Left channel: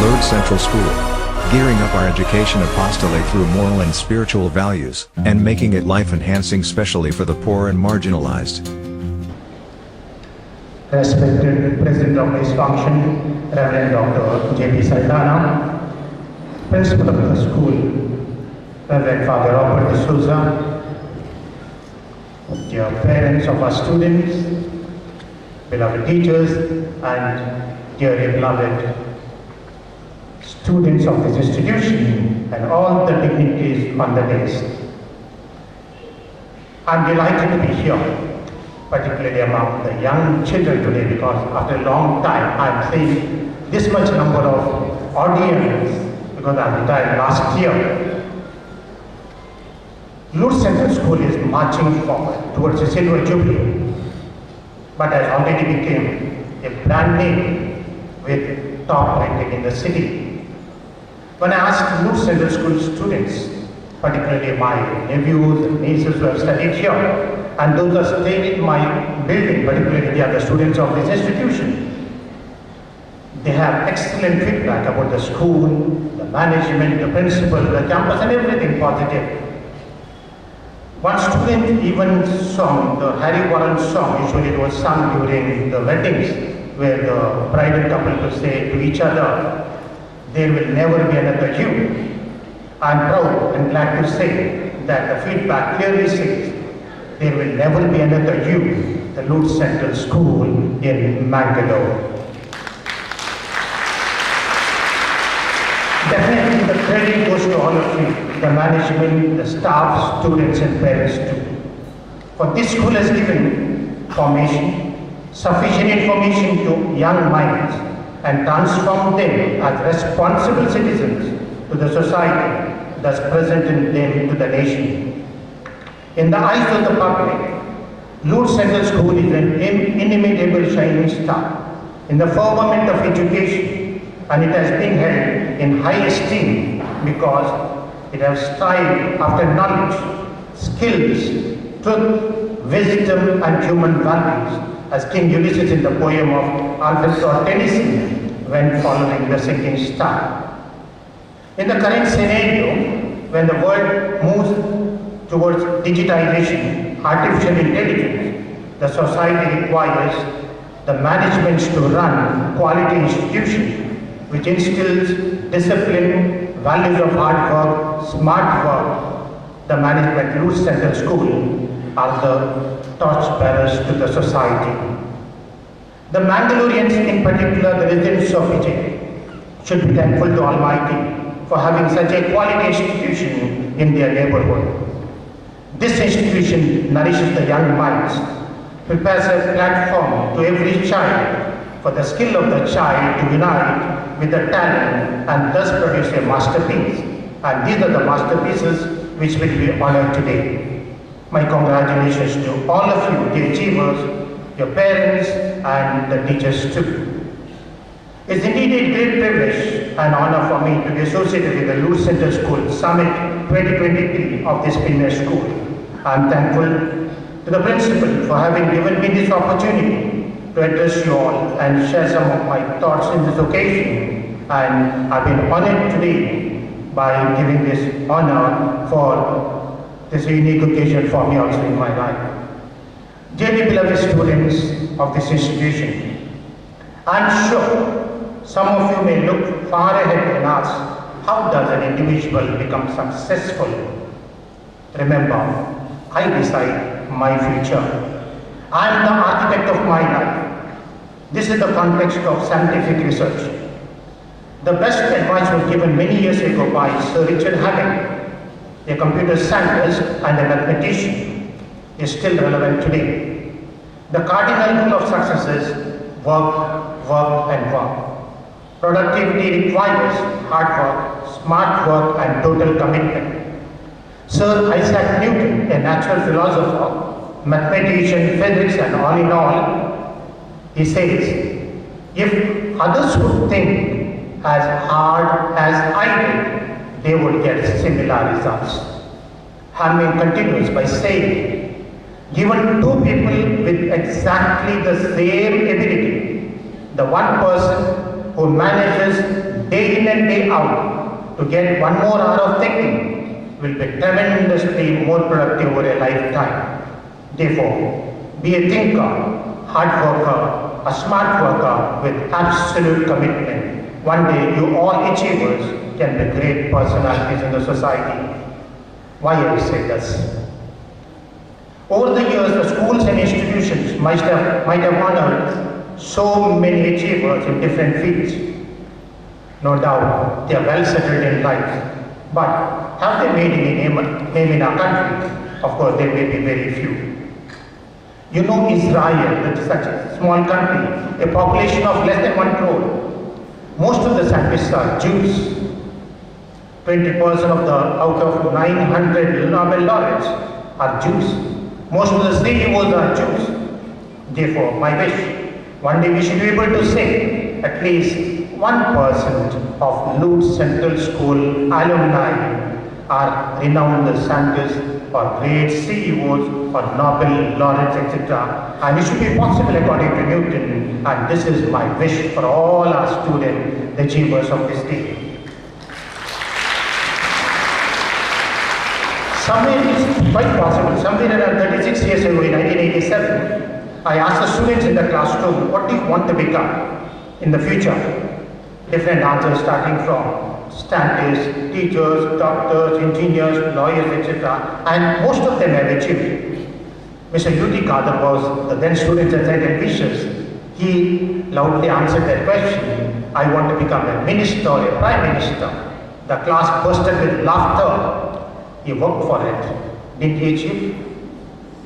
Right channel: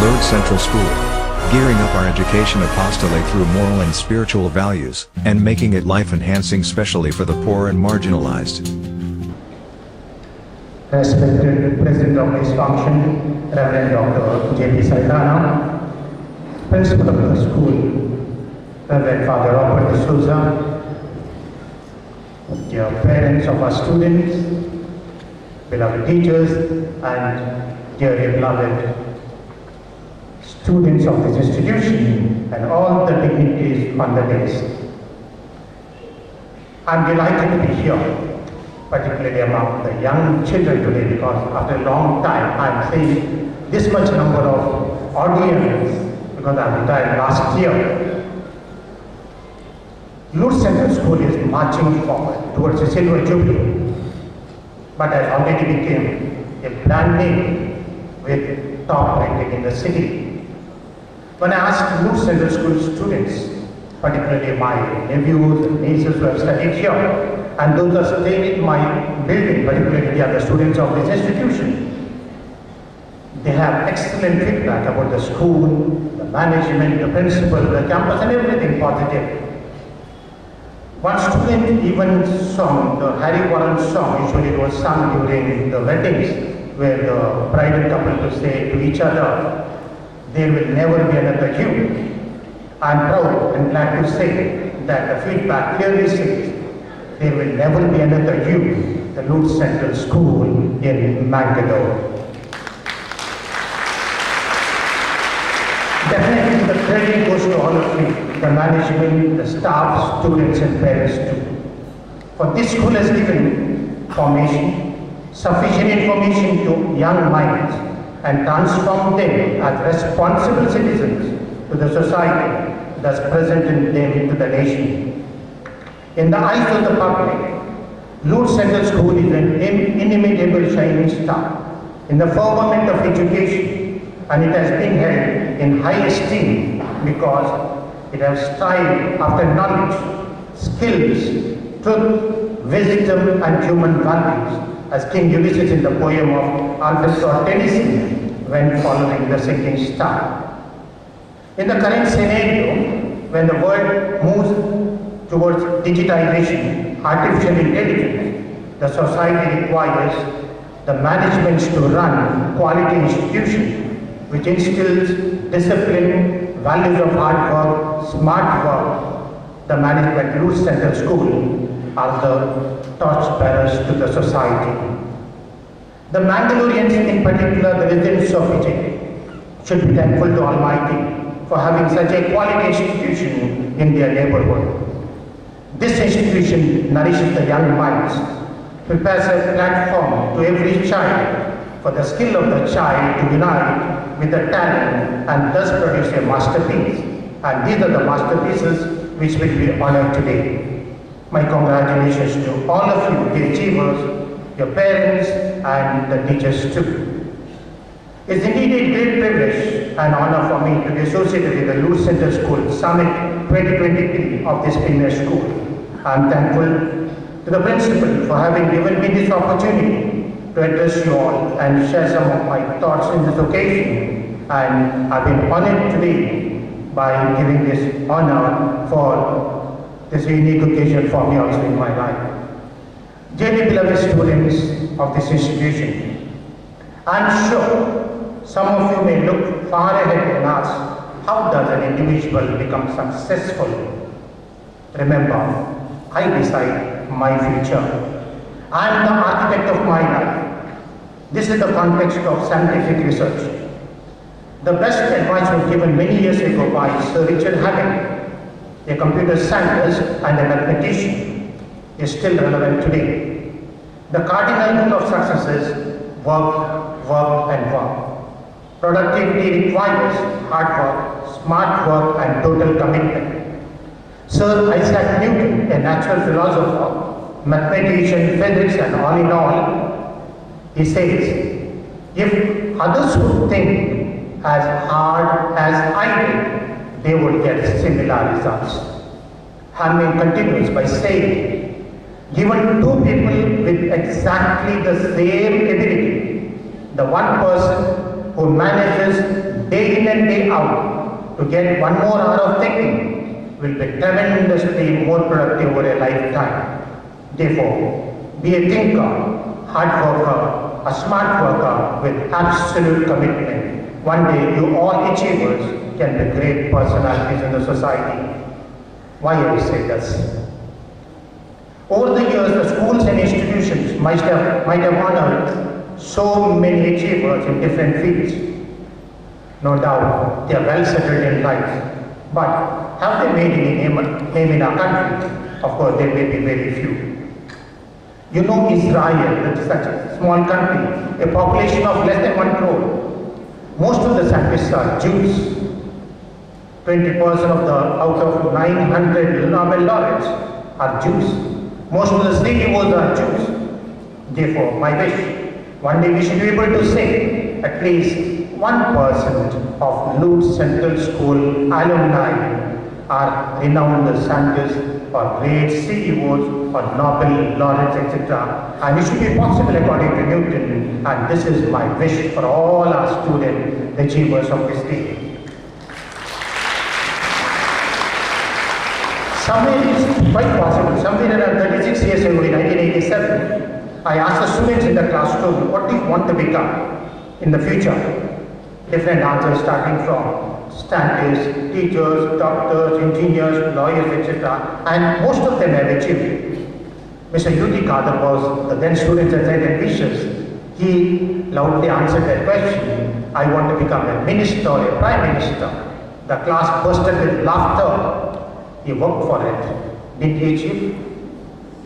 Lourdes Central School. Gearing up our education apostolate through moral and spiritual values, and making it life-enhancing especially for the poor and marginalized. Respected President of this function, Reverend Dr. DSilva, Principal of the school, Reverend Father Robert DSilva, dear parents of our students, beloved teachers, and dearly beloved students of this institution, and all the dignitaries on the dais. I'm delighted to be here, particularly among the young children today, because after a long time I'm seeing this much number of audience, because I retired last year. Lourdes Central School is marching forward towards a silver jubilee, but has already become a brand name with top rating in the city. When I asked Lourdes Central School students, particularly my nephews and nieces who have studied here, and those who are staying in my building, particularly they are the students of this institution, they have excellent feedback about the school, the management, the principal, the campus, and everything positive. One student even sung the Harry Warren song. Usually it was sung during the weddings, where the bride and couple to say to each other, "There will never be another you." I'm proud and glad to say that the feedback clearly says, there will never be another you, the Lourdes Central School in Mangalore. Definitely the credit goes to all of you, the management, the staff, students and parents too. For this school has given formation, sufficient information to young minds, and transformed them as responsible citizens to the society, thus presenting them to the nation. In the eyes of the public, Lourdes Central School is an inimitable shining star in the firmament of education, and it has been held in high esteem because it has strived after knowledge, skills, truth, wisdom, and human values, as King Ulysses in the poem of Alfred Lord Tennyson when following the sinking star. In the current scenario, when the world moves towards digitization, artificial intelligence, the society requires the management to run quality institutions which instills discipline, values of hard work, smart work. The management Lourdes Central School are the torchbearers to the society. The Mangaloreans, in particular the residents of Vijay, should be thankful to Almighty for having such a quality institution in their neighborhood. This institution nourishes the young minds, prepares a platform to every child for the skill of the child to unite with the talent and thus produce a masterpiece. And these are the masterpieces which will be honored today. My congratulations to all of you, the achievers, your parents, and the teachers too. It's indeed a great privilege and honor for me to be associated with the Lourdes Central School Summit 2023 of this premier school. I'm thankful to the principal for having given me this opportunity to address you all and share some of my thoughts in this occasion. And I've been honored today by giving this honor for this unique occasion for me also in my life. Dearly beloved students of this institution, I'm sure some of you may look far ahead and ask, how does an individual become successful? Remember, I decide my future. I am the architect of my life. This is the context of scientific research. The best advice was given many years ago by Sir Richard Hammond, a computer scientist and a mathematician. Is still relevant today. The cardinal rule of success is work, work, and work. Productivity requires hard work, smart work, and total commitment. Sir Isaac Newton, a natural philosopher, mathematician, physicist, and all in all, he says, if others would think as hard as I did, they would get similar results. Hammond continues by saying, given two people with exactly the same ability, the one person who manages day in and day out to get one more hour of thinking will be tremendously more productive over a lifetime. Therefore, be a thinker, hard worker, a smart worker with absolute commitment. One day you all achievers can be great personalities in the society. Why I say this? Over the years, the schools and institutions might have honored so many achievers in different fields. No doubt, they are well settled in life. But have they made any name in our country? Of course, there may be very few. You know Israel, that is such a small country, a population of less than 1 crore. Most of the scientists are Jews. 20% out of 900 Nobel laureates are Jews. Most of the CEOs are Jews. Therefore, my wish, one day we should be able to say at least 1% of Lutz Central School alumni are renowned scientists or great CEOs or Nobel laureates, etc. And it should be possible according to Newton. And this is my wish for all our student achievers of this day. Somewhere it is quite possible, somewhere around 36 years ago in 1987, I asked the students in the classroom, what do you want to become in the future? Different answers starting from scientists, teachers, doctors, engineers, lawyers, etc. And most of them have achieved. Mr. U.T. Kadir was the then student and said ambitious. He loudly answered that question, I want to become a minister or a prime minister. The class bursted with laughter. He worked for it. Did he achieve?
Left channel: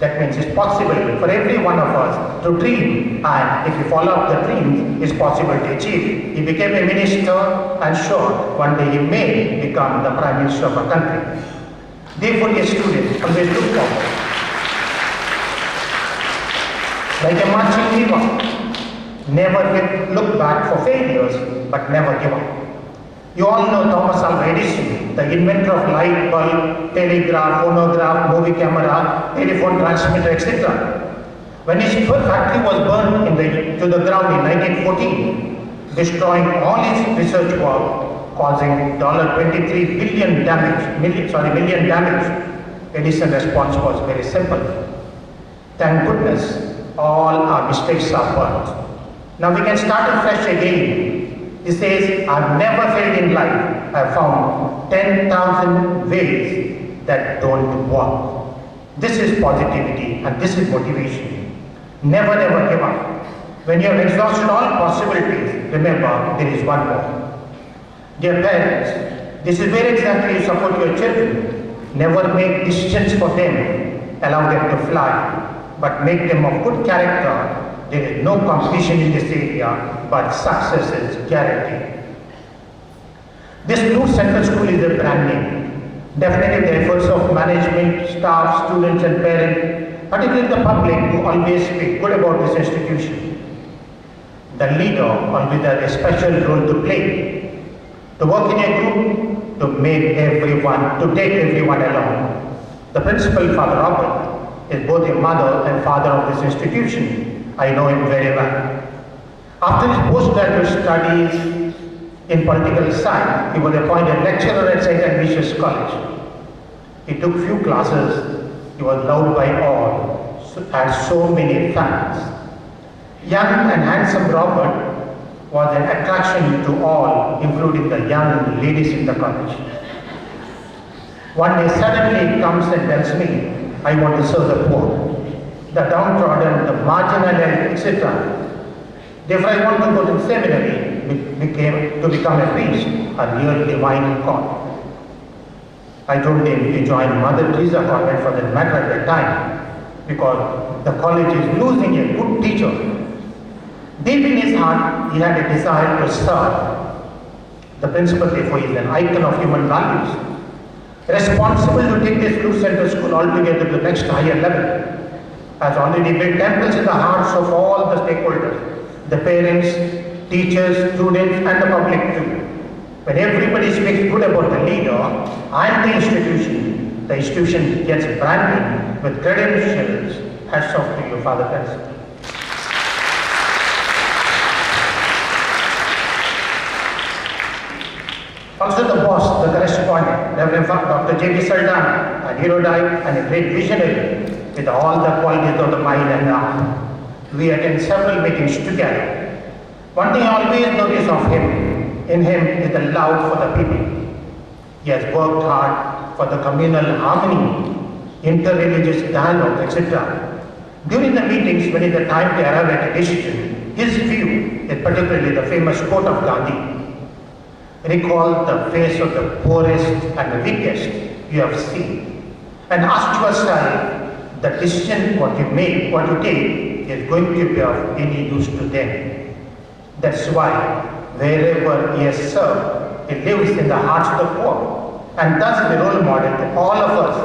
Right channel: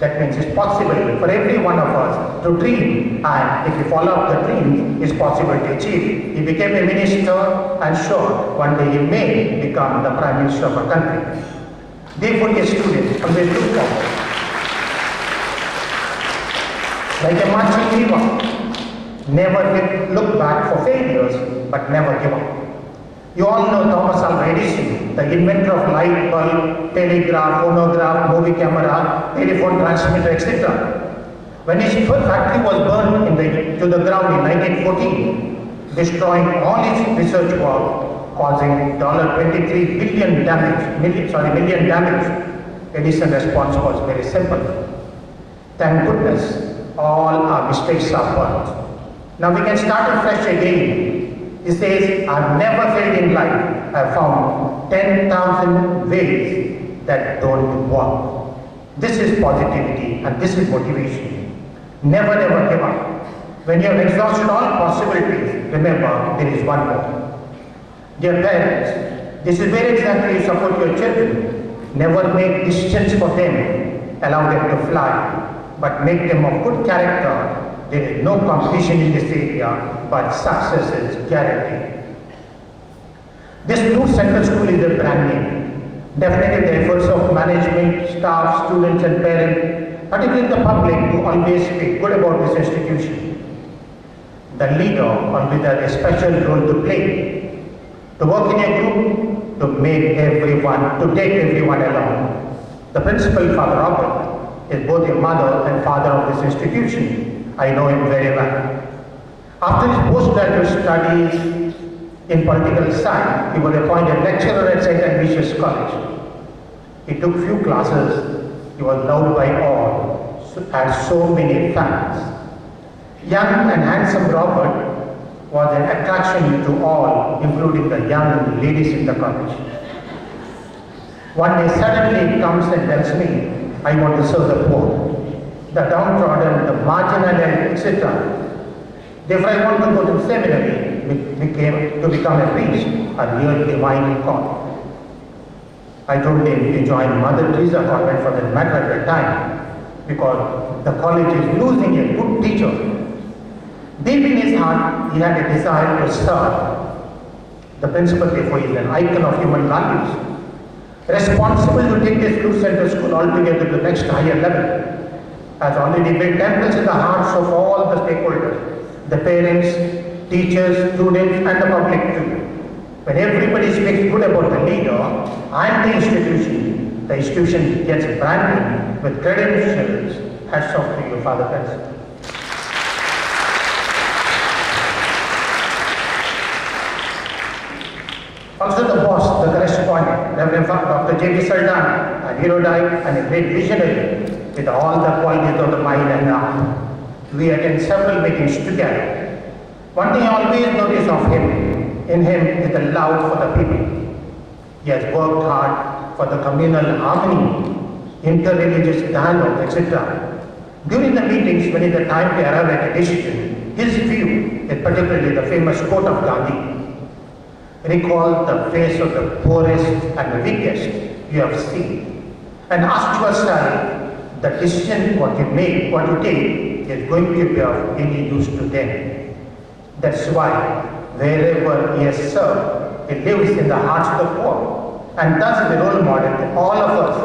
That means it's possible for every one of us to dream, and if you follow up the dreams, it's possible to achieve. He became a minister, and sure, one day he may become the prime minister of a country. Therefore, a student always look forward. Like a marching river, never look back for failures, but never give up. You all know Thomas Alva Edison, the inventor of light bulb, telegraph, phonograph, movie camera, telephone transmitter, etc. When his factory was burned to the ground in 1914, destroying all his research work, causing $23 billion million damage, Edison's response was very simple. Thank goodness, all our mistakes are burnt. Now we can start afresh again. He says, I've never failed in life. I've found 10,000 ways that don't work. This is positivity and this is motivation. Never ever give up. When you have exhausted all possibilities, remember there is one more. Dear parents, this is where exactly you support your children. Never make decisions for them. Allow them to fly, but make them of good character. There is no competition in this area, but success is guaranteed. This Lutz Central School is a brand name. Definitely the efforts of management, staff, students and parents, particularly the public, who always speak good about this institution. The leader always has a special role to play. To work in a group, to take everyone along. The principal, Father Robert, is both a mother and father of this institution. I know him very well. After his postgraduate studies in political science, he was appointed lecturer at St. Ignatius College. He took few classes. He was loved by all, had so many fans. Young and handsome Robert was an attraction to all, including the young ladies in the college. One day suddenly he comes and tells me, I want to serve the poor, the downtrodden, the marginal, etc. Therefore, I want to go to seminary to become a priest, a real divine call. I told him to join Mother Teresa convent for that matter at the time, because the college is losing a good teacher. Deep in his heart, he had a desire to serve. The principal, therefore, is an icon of human values, responsible to take this Lutz Central School altogether to the next higher level. Has already built temples in the hearts of all the stakeholders, the parents, teachers, students and the public too. When everybody speaks good about the leader and the institution gets branding with credentials. Hats off to you, Father Principal. Also the boss, the correspondent, Reverend Dr. DSilva, an erudite and a great visionary with all the qualities of the mind and heart. We attend several meetings together. One thing I always notice in him is the love for the people. He has worked hard for the communal harmony, interreligious dialogue, etc. During the meetings, when it is the time to arrive at a decision, his view is particularly the famous quote of Gandhi. Recall the face of the poorest and the weakest you have seen, and ask yourself, the decision what you make, what you take, is going to be of any use to them. That's why wherever he has served, he lives in the hearts of the poor, and thus is a role model to all of us,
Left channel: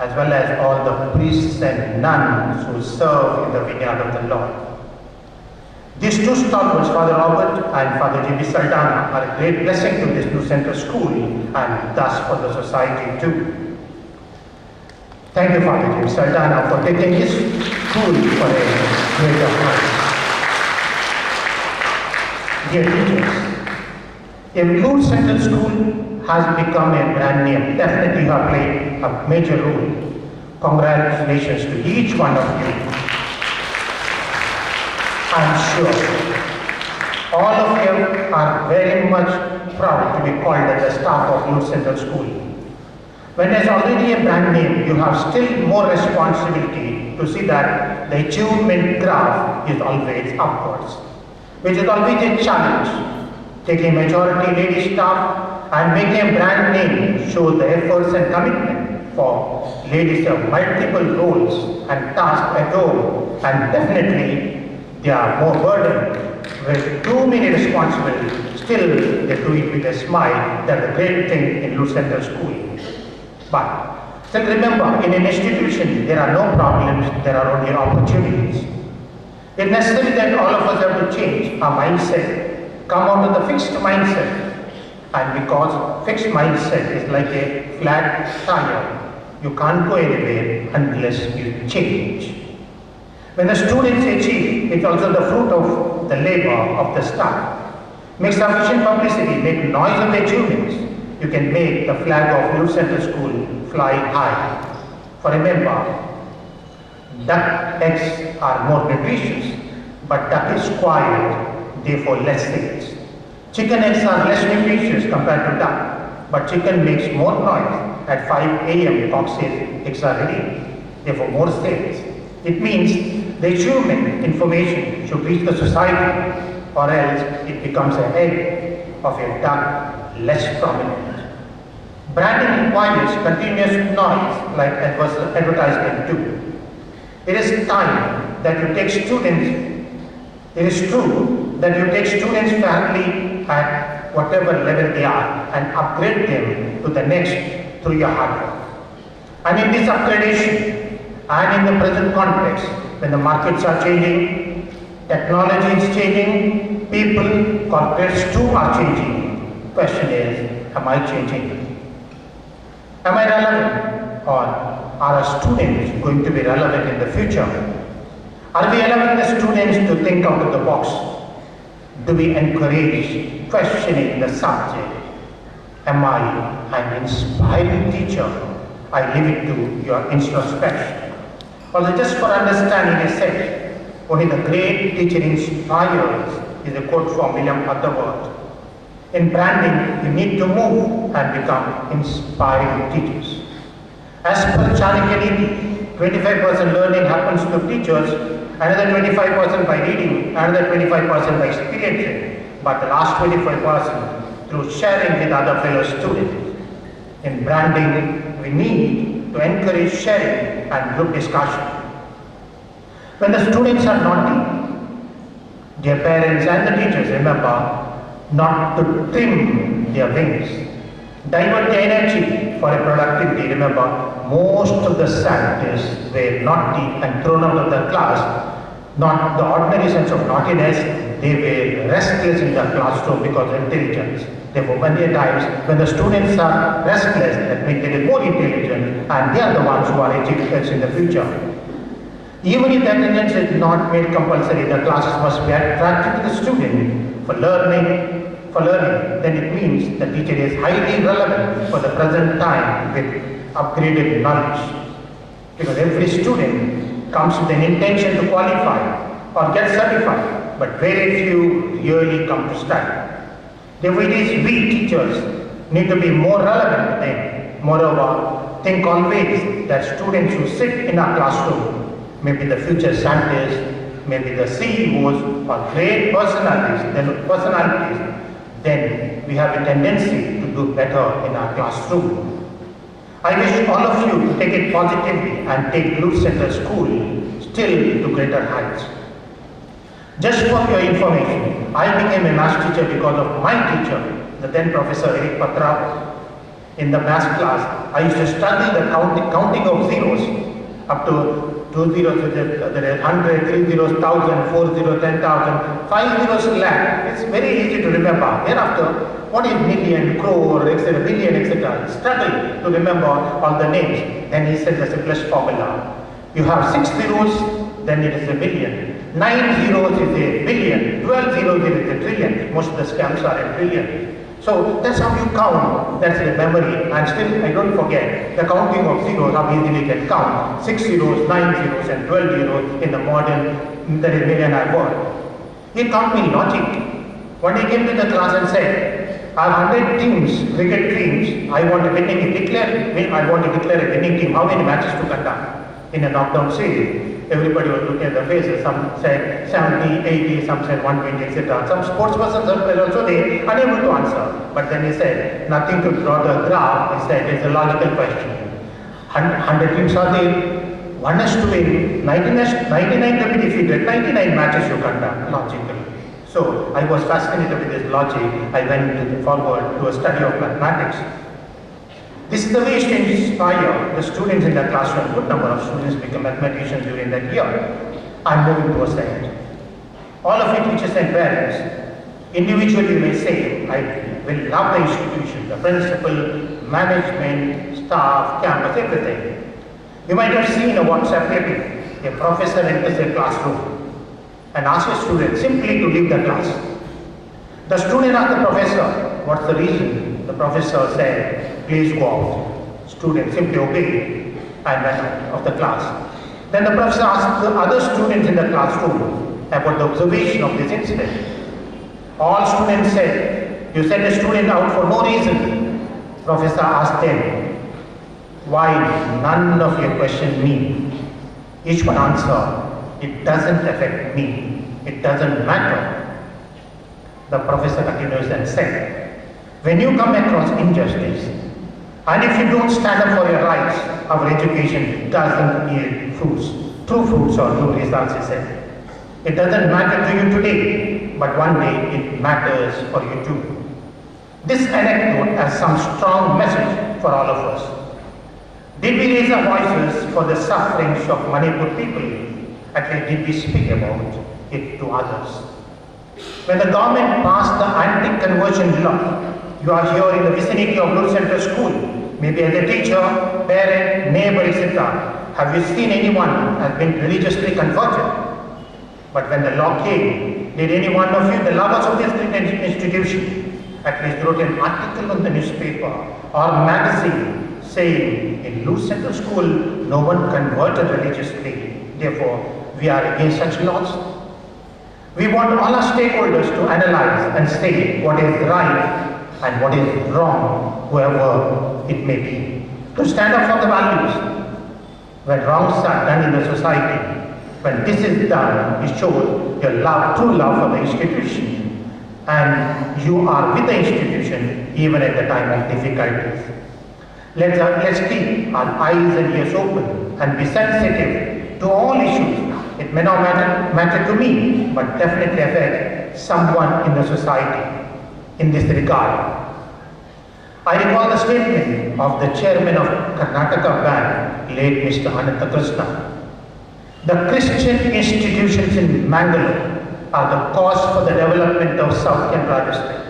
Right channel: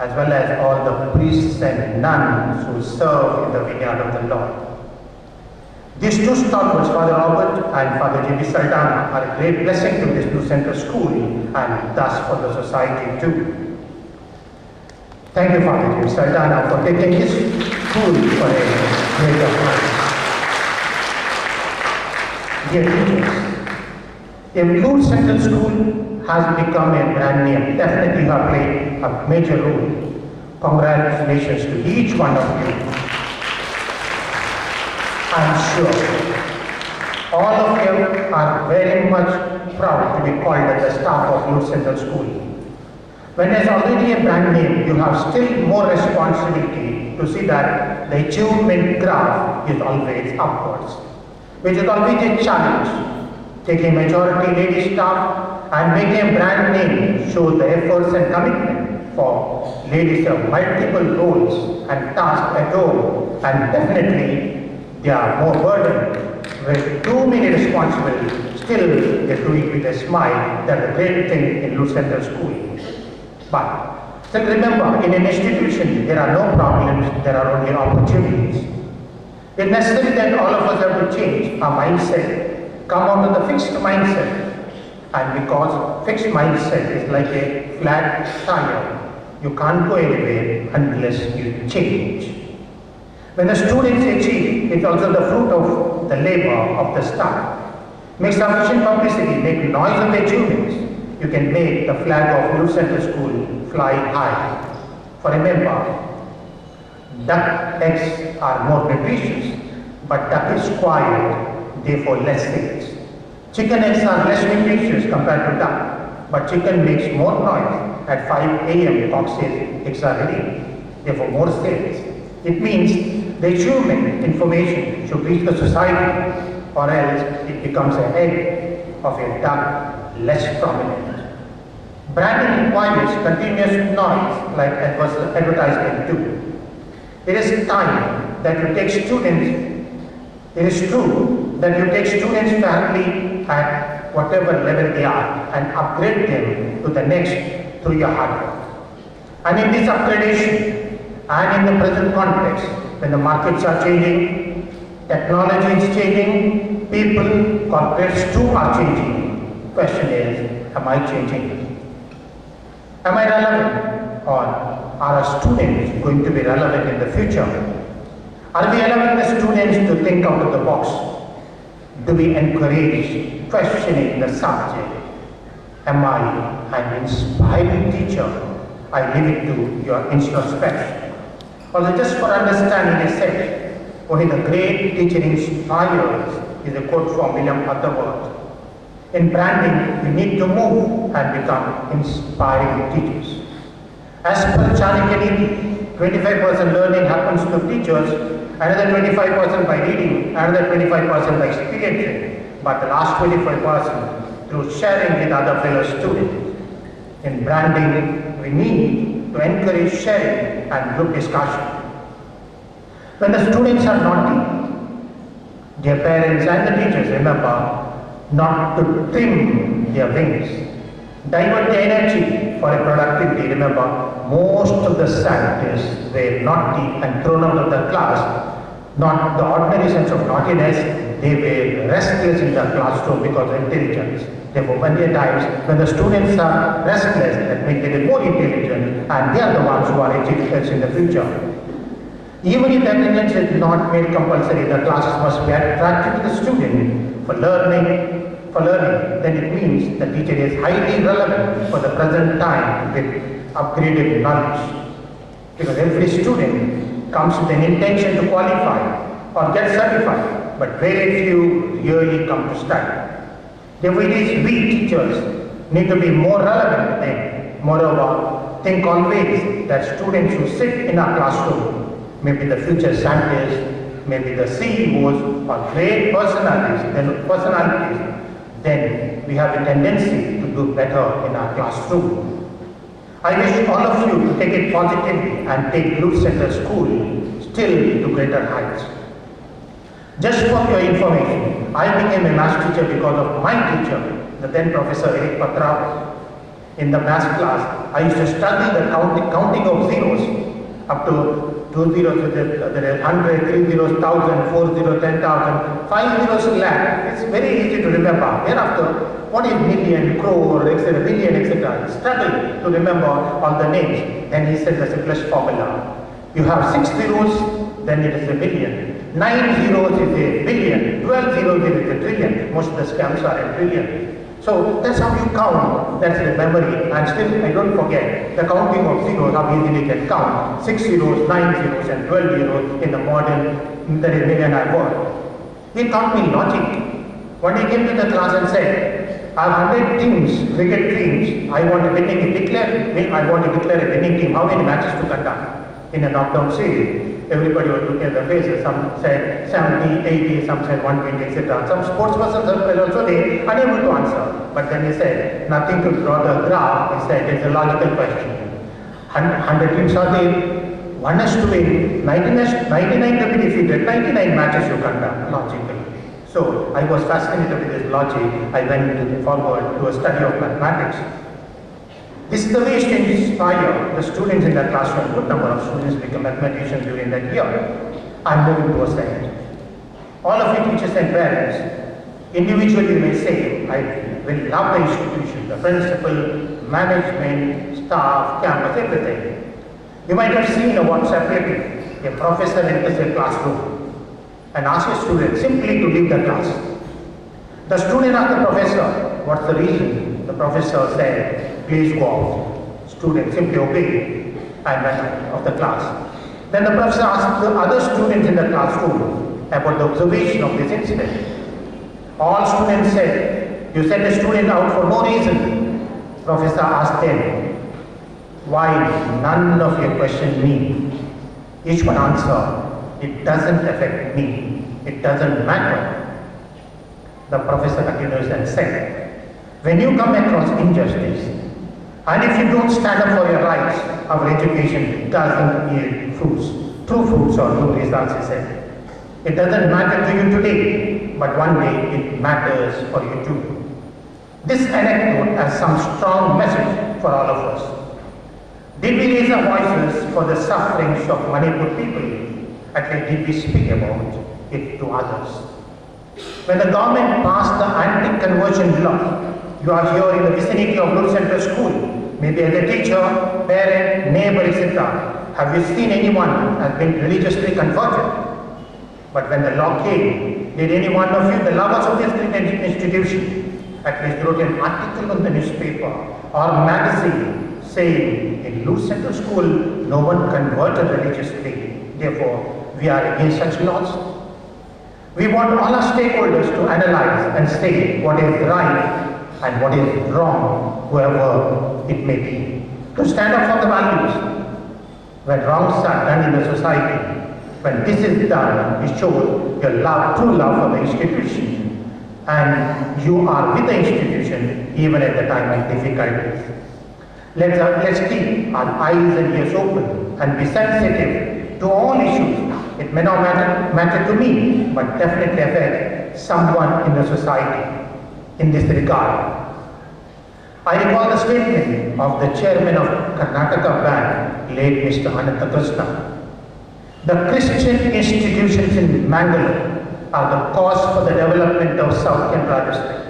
as well as all the priests and nuns who serve in the vineyard of the Lord. These two stalwarts, Father Robert and Father DSilva, are a great blessing to this new center school and thus for the society too. Thank you, Father DSilva, for taking this school for a greater height. Dear teachers, a Blue Central School has become a brand name. Definitely you have played a major role. Congratulations to each one of you. I'm sure all of you are very much proud to be called as the staff of Blue Central School. When there's already a brand name, you have still more responsibility to see that the achievement graph is always upwards, which is always a challenge. Taking majority lady staff and making a brand name shows the efforts and commitment for ladies of multiple roles and tasks at home, and definitely they are more burdened with too many responsibilities. Still, they do it with a smile. That's the great thing in Blue Central School. But still remember, in an institution, there are no problems, there are only opportunities. It's necessary that all of us have to change our mindset, come out of the fixed mindset. And because fixed mindset is like a flat tire, you can't go anywhere unless you change. When the students achieve, it's also the fruit of the labor of the staff. Make sufficient publicity, make noise of the achievements. You can make the flag of Blue Central School fly high. For remember, duck eggs are more nutritious, but duck is quiet, therefore less sales. Chicken eggs are less nutritious compared to duck, but chicken makes more noise. At 5 a.m. cock says eggs are ready, therefore more sales. It means the achievement information should reach the society, or else it becomes an egg of a duck less prominent. Branding requires continuous noise like advertisement too. It is time that you take students, it is true that you take students fairly at whatever level they are and upgrade them to the next through your hard work. And in this upgradation and in the present context, when the markets are changing, technology is changing, people, corporates too are changing. Question is, am I changing? Am I relevant? Or are our students going to be relevant in the future? Are we allowing the students to think out of the box? Do we encourage questioning the subject? Am I an inspiring teacher? I leave it to your introspection. Also, just for understanding, I said, only the great teacher inspires is a quote from William Butterworth. In branding, you need to move and become inspiring teachers. As per Chanakya, 25% learning happens to teachers, another 25% by reading, another 25% by experiencing, but the last 25% through sharing with other fellow students. In branding, we need to encourage sharing and group discussion. When the students are naughty, their parents and the teachers remember not to trim their wings. Divert the energy for a productivity. Remember, most of the scientists were naughty and thrown out of the class. Not the ordinary sense of naughtiness, they were restless in the classroom because of intelligence. Therefore, many times when the students are restless, that means they are more intelligent and they are the ones who are educators in the future. Even if attendance is not made compulsory, the classes must be attractive to the student for learning, for learning, then it means the teacher is highly relevant for the present time with upgraded knowledge. Because every student comes with an intention to qualify or get certified, but very few really come to study. Therefore, it is we teachers need to be more relevant to them. Moreover, think always that students who sit in our classroom may be the future scientists, maybe the CEOs or great personalities, then we have a tendency to do better in our classroom. I wish all of you to take it positively and take Blue Center School still to greater heights. Just for your information, I became a maths teacher because of my teacher, the then Professor Eric Patra. In the maths class, I used to study the counting of zeros up to 2 zeros, there is 100, 3 zeros, 1000, 4 zeros, 10,000, 5 zeros lakh. It's very easy to remember. Thereafter, what is million, crore, etc., billion, etc. Struggle to remember all the names. Then he said the simplest formula. You have 6 zeros, then it is a billion. 9 zeros is a billion. 12 zeros is a trillion. Most of the scams are a trillion. So that's how you count. That's the memory. And still, I don't forget the counting of zeros, how easily you can count. 6 zeros, 9 zeros, and 12 zeros in the modern, that is millionaire world. He taught me logic. When he came to the class and said, I have 100 teams, cricket teams, I want to I want to declare a winning team. How many matches to conduct in a knockdown series? Everybody was looking at the faces. Some said 70, 80, some said 120, etc. Some sports persons were also there, unable to answer. But then he said, nothing to draw the graph. He said, it's a logical question. 100 teams are there. One has to win. 99 to be defeated. 99 matches you conduct, logically. So I was fascinated with this logic. I went forward to a study of mathematics. This is the way to inspire the students in the classroom. Good number of students become mathematicians during that year. I'm moving towards the end. All of you teachers and parents, individually you may say, I will love the institution, the principal, management, staff, campus, everything. You might have seen a WhatsApp clipping. A professor enters a classroom and asks a student simply to leave the class. The student asked the professor, what's the reason? The professor said, please go out. Student simply obeyed and went out of the class. Then the professor asked the other students in the classroom about the observation of this incident. All students said, you sent a student out for no reason. Professor asked them, why none of you question me? Each one answered, it doesn't affect me. It doesn't matter. The professor continues and said, when you come across injustice, and if you don't stand up for your rights, our education doesn't yield fruits. True fruits or true results, he said. It doesn't matter to you today, but one day it matters for you too. This anecdote has some strong message for all of us. Did we raise our voices for the sufferings of Manipur people? At least did we speak about it to others? When the government passed the anti-conversion law, you are here in the vicinity of Blue Center School, maybe as a teacher, parent, neighbor, etc. Have you seen anyone who has been religiously converted? But when the law came, did any one of you, the lovers of this institution, at least wrote an article in the newspaper or magazine saying, in Blue Center School, no one converted religiously. Therefore, we are against such laws. We want all our stakeholders to analyze and say what is right and what is wrong, whoever it may be. To stand up for the values. When wrongs are done in the society, when this is done, it shows your love, true love for the institution. And you are with the institution even at the time of difficulties. Let's keep our eyes and ears open and be sensitive to all issues. It may not matter to me, but definitely affect someone in the society in this regard. I recall the statement of the chairman of Karnataka Bank, late Mr. Ananta Krishna. The Christian institutions in Mangalore are the cause for the development of South Canara district.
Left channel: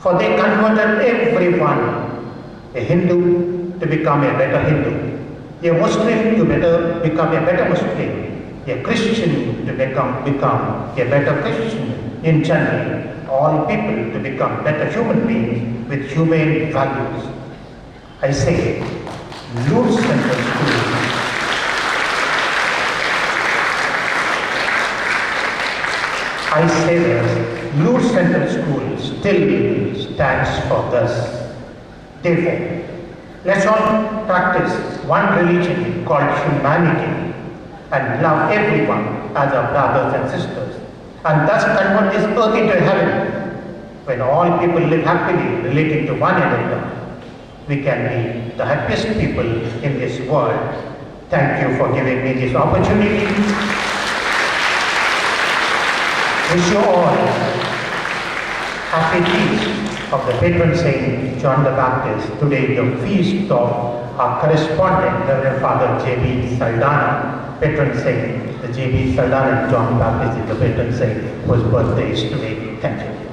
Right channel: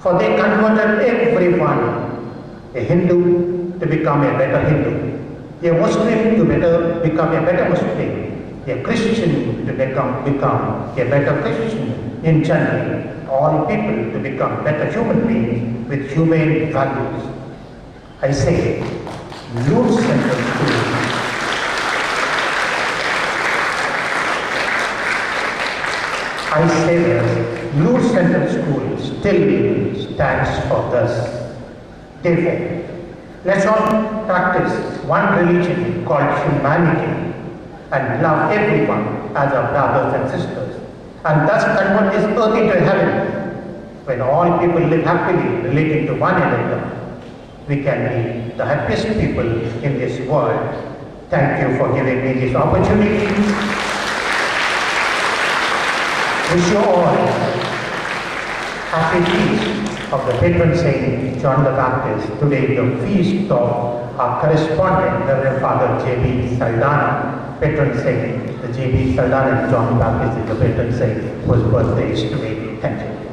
For they converted everyone, a Hindu to become a better Hindu, a Muslim to become a better Muslim, a Christian to become a better Christian in general. all people to become better human beings with humane values. I say, Lourdes Central School I say that Lourdes Central School still stands for this. Therefore, let's all practice one religion called humanity and love everyone as our brothers and sisters, and thus convert this earth into heaven. When all people live happily relating to one another, we can be the happiest people in this world. Thank you for giving me this opportunity. Wish you all happy feast of the patron saint John the Baptist. Today the feast of our correspondent, Reverend Father J.B. Saldana, patron saint. The J.B. Saldana John the Baptist is the patron saint whose birthday is today. Thank you.